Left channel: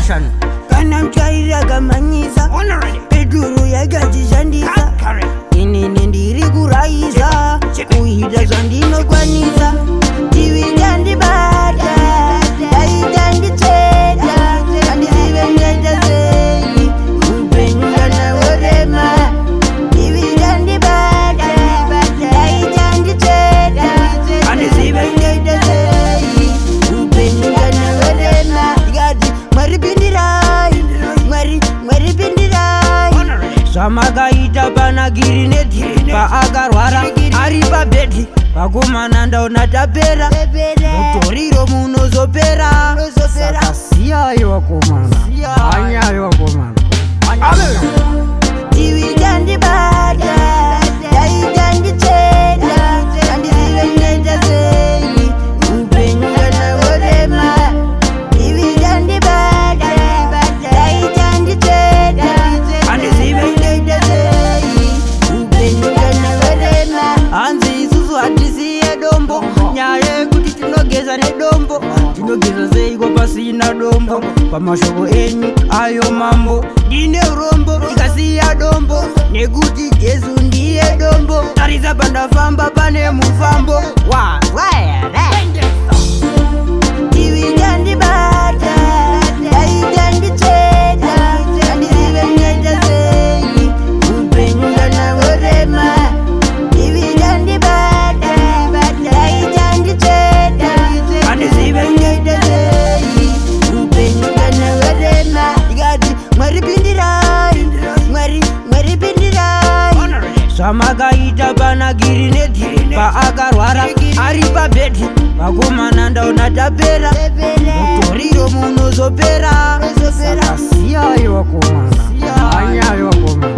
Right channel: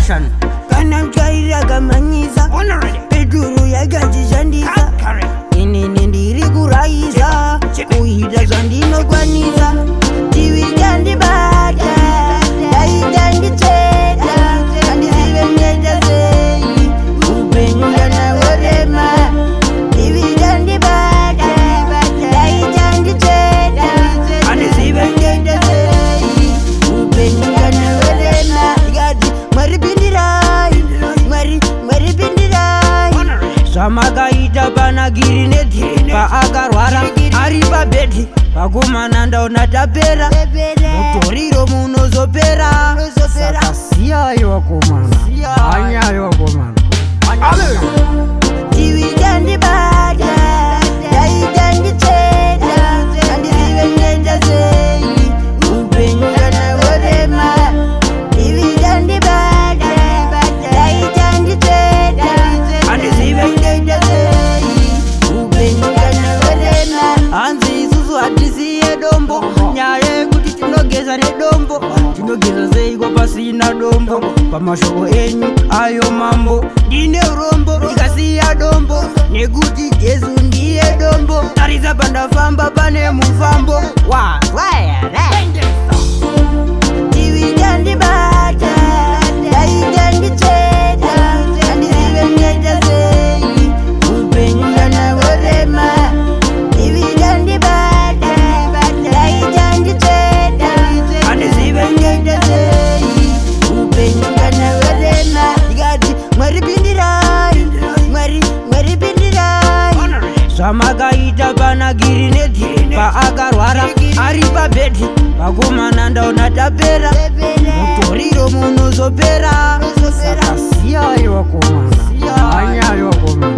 Russian. Kana mchaira kamanyiza Peduru ya gaji jandisa Ini nindiri kuraiza Kuhida zandino kwaniza Tiwi gandi bata Dai gandi cheta Kandi zive ngeta zeyi Upenyunga na warema Tiwi gandi bata Dai gandi cheta Kandi zive ngeta zeyi Upenyunga na warema Igadi maripindirai Maripindirai Samagaita panagiri neti Paakarwara ari pabedi Pakumana ndaona tapera Mutoriro munozopera Saka siyayo wakomana Anyayo wakomana Tiwi gandi bata Dai gandi cheta Kandi zive ngeta zeyi Upenyunga na warema Tiwi gandi bata Dai gandi cheta Kandi zive ngeta zeyi Upenyunga na warema Anzi isusu hatisiye dombo Nyaye kuti tinogeza nedombo Tinogeza zeiko pasina dombo Pamashoko enyu ayo mambo Ndine urombo ikasiya dombo Nekuti Jesu ndiye dombo Tarisa pandafamba pane mufambo Tiwi gandi bata Dai gandi cheta Kandi zive ngeta zeyi Upenyunga na warema Tiwi gandi bata Dai gandi cheta Kandi zive ngeta zeyi Upenyunga na warema Igadi maripindirai Maripindirai Samagaita panagiri neti Paakarwara ari pabedi Pakumana ndaona tapera Mutoriro munozopera Saka siyayo wakomana Anyayo wakomana